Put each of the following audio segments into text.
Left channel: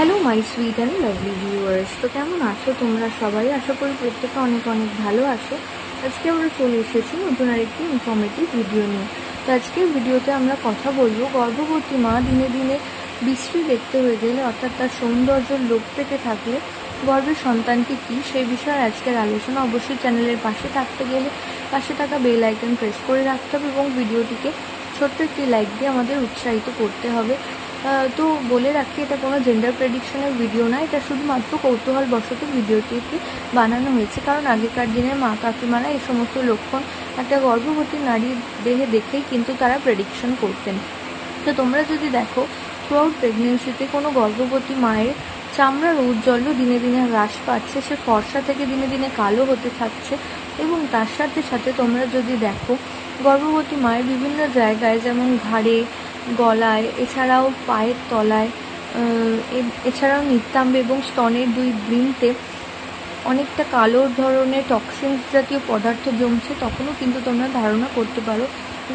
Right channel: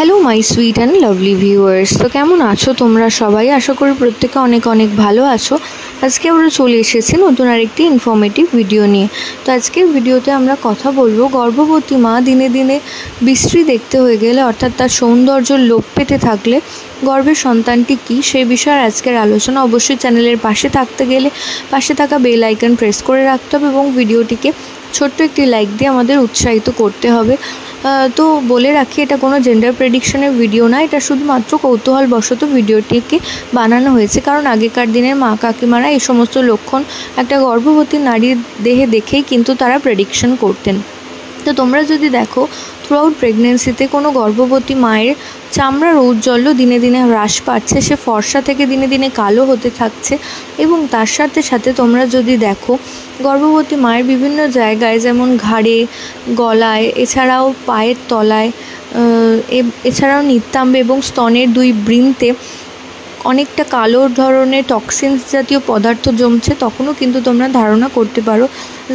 Hello my sweet and lovely viewers. তো কেমন আছো তোমরা সবাই? আশা করি প্রত্যেকে অনেক অনেক ভালো আছো। আজকে আমরা চলে এসেছি নতুন আরেকটি ইনফরমেটিভ ভিডিও নিয়ে। তো আজকের ভিডিওতে আমরা কথা বলবো গর্ভবতী মা দিনে দিনে বিশ্রী দেখতে হয়ে গেলে, অর্থাৎ তার সৌন্দর্য লোপ পেতে থাকলে গর্ভের সন্তানটি কী, সেই বিষয়ে আজকের আলোচনা। অবশ্যই চ্যানেলের পাশে থাকতে গেলে পাশে থাকা বেল আইকন প্রেস করে রাখতে হবে এবং ভিডিওটিকে ছোট্ট একটি লাইক দিয়ে আমাদের উৎসাহিত করতে হবে। তো বলে রাখি, এটা কোনো জেন্ডার প্রেডিকশনের ভিডিও না, এটা শুধুমাত্র কৌতূহলবশত ভিডিওটিকে বানানো হয়েছে। কারণ আগেকার দিনের মা কাকিমারা এই সমস্ত লক্ষণ একটা গর্ভবতী নারীর দেহে দেখেই কিন্তু তারা প্রেডিকশন করতেন। তো তোমরা যদি দেখো, থ্রুআউট প্রেগনেন্সিতে কোনো গর্ভবতী মায়ের চামড়ার ঔজ্জ্বল্য দিনে দিনে হ্রাস পাচ্ছে, সে ফর্সা থেকে দিনে দিনে কালো হতে থাকছে। এবং তার সাথে সাথে তোমরা যদি দেখো, গর্ভবতী মায়ের বিভিন্ন জায়গায় যেমন ঘাড়ে, গলায়, এছাড়াও পায়ের তলায়, এছাড়াও নিতম্বে এবং স্তনের দুই বৃন্তে অনেকটা কালো ধরনের টক্সিনস জাতীয় পদার্থ জমছে, তখনও কিন্তু তোমরা ধারণা করতে পারো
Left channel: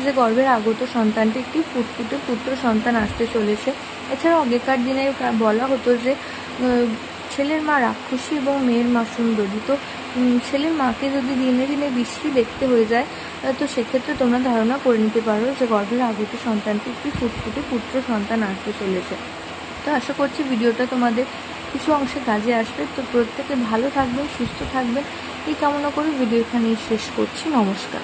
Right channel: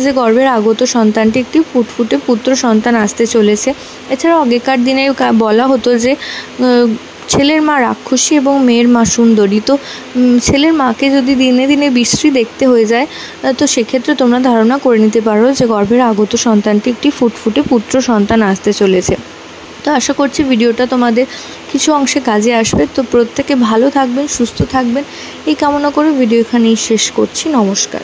যে গর্ভের আগত সন্তানটি একটি ফুটফুটে পুত্র সন্তান আসতে চলেছে। এছাড়াও আগেকার দিনে বলা হতো যে ছেলের মা রাক্ষসী এবং মেয়ের মা সুন্দরী। তো ছেলের মাকে যদি দিনে দিনে বিশ্রী দেখতে হয়ে যায়, তো সেক্ষেত্রে তোমরা ধারণা করে নিতে পারো যে গর্ভের আগত সন্তানটি একটি ফুটফুটে পুত্র সন্তান আসতে চলেছে। তো আশা করছি ভিডিওটা তোমাদের কিছু অংশে কাজে আসবে। তো প্রত্যেকে ভালো থাকবেন, সুস্থ থাকবেন এই কামনা করে ভিডিও এখানেই শেষ করছি। নমস্কার।